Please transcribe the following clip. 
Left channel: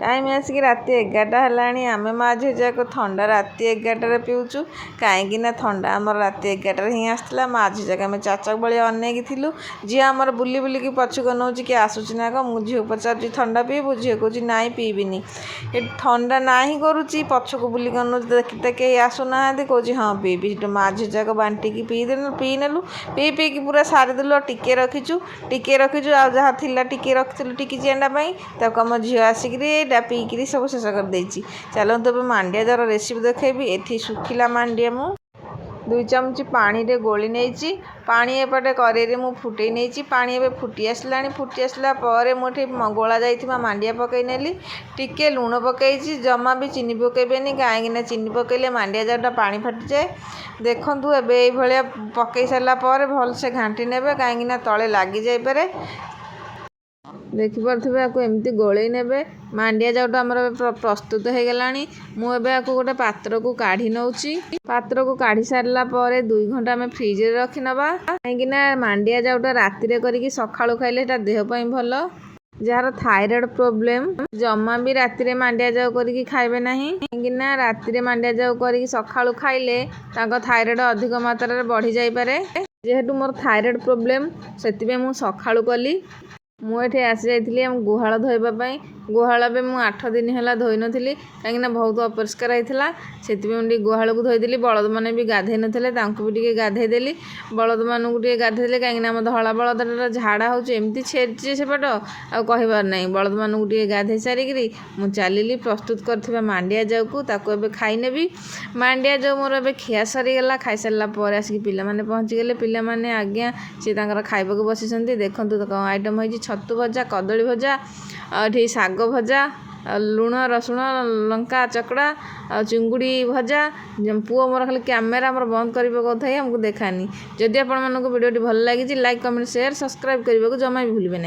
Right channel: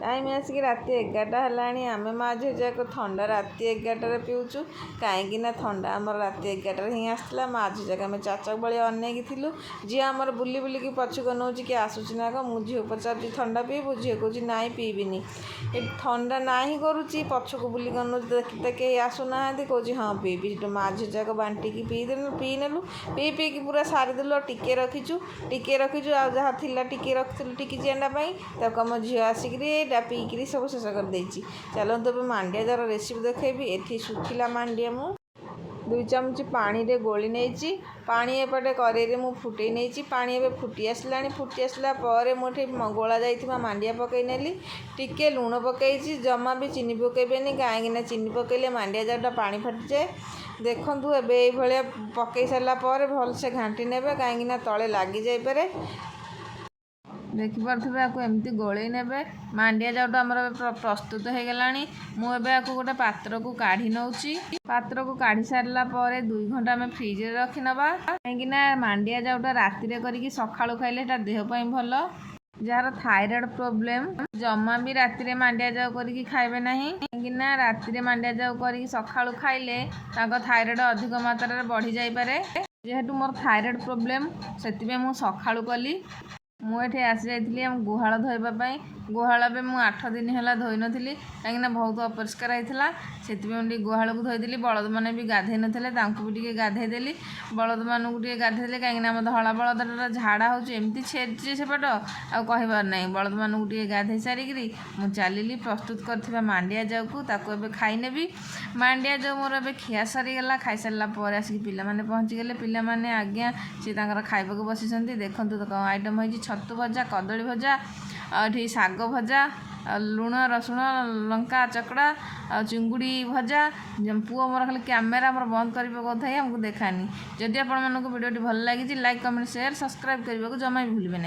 Time आसिक राति 11टा है आम माँ झील जाक थंडा राति 11टार पीऊँ कहीं थंडा आमर राति 11टार ही आसला माँ झील जाक आम चाचक भाई अनेक थिलु झी आमर बुली बुलिकी पछुक नौ कि आसूची ना कम मुझे झील पचार ठंडा पीबू झील कहूँ ना पीबिनी ठंडा ना ही करुच्ची पछक बुलिक नौ देखते कहीं आसुना कहूँ हाँ पीबी माँ झील जाक बांटिकी पीनेलु पी पीकी पूरा सारीदेलु टिके रखीचु आ जहाँ थिला टिके रखिलु टिकी चेंडापाई ताको आम झील आसिक पीकरी सब शेष कर देछि। चलतु ए मांडिया जार रेसिपी देखेबी। एठी सुखिला मांडिया मु 2 चमच पानी रे गोली नेछि पानी एपटे करेरे मु फुटई नेछि पानी एबे फुटी आसला परे मुठी गोला जाइथिबा मांडिया पकई नेली टिके लूण पकईछि जमा भी चीनी पकेबेनी काहेकि चीनी पकईले मांडिया जारटा पानी फाटी जाए। देखंतु एबे एई भलिया पकई सारला परे भल से घांटी नेबे काहेकि तळे लागी जाई पारे देखिपे आपको एमती गोलई ने मांडिया जाउटा आमर प्रस्तुत हो गलानी मुझे आपको गोटे पात्र को काढ़ी नौची पात्र को काढ़ी सारला 2 घंटा आम फ्रिज रे रखी नबा कहीं मांडिया जाउटा राति करके सकाळु खाइले देह पई भल जार थायराइड प्रोब्लेम जमा भी राति मांडिया जाउ करके खाइबे नहीं कहीं राति मांडिया जाउ करके सकाळु खाइले थायराइड अधिक मात्रा बढ़ी जाई पारे जेहेतु मोर थायराइड प्रोब्लेम से मु सकाळु कली मुझे आसी जाइली आम गुहाल धोइबाई गुहाल भी मुझे 8 दिन है धोई नी कहीं बहुत अपरिष्कार होता से गुहाल को धोईदेली बलद मैंने भी गाधे नथिले भी टे गाधेदेली बलद मानू टे गाधेदेली कहीं आम धला बलद झाड़ा होमती छेड़ी सेपट आ कहबार ना बलद मानू टे गाधे सारिकी मुझे चलिली प्रस्तुत कर मांडिया जाऊ को ताको खाईनेबी मांडिया जाऊ मोर ए खिया सरीगला खाई सारापर आसिक पिलाने पहुँचीगले पिलाने आज्ञा सी खाइबा बसी देखु आइटम हो छतु भजा कदली भजा ये शाग भजा लुण रसुण लंका चकड़ा चिंगुड़ी भजा पुओ मोर खाली कैमेरा मोर बंद करने कथा आमको देखानी जदि आपण भिडियो भल लगी लाइक कमेंट शेयर सब्सक्राइब करने को जमा भी भूलिए ना।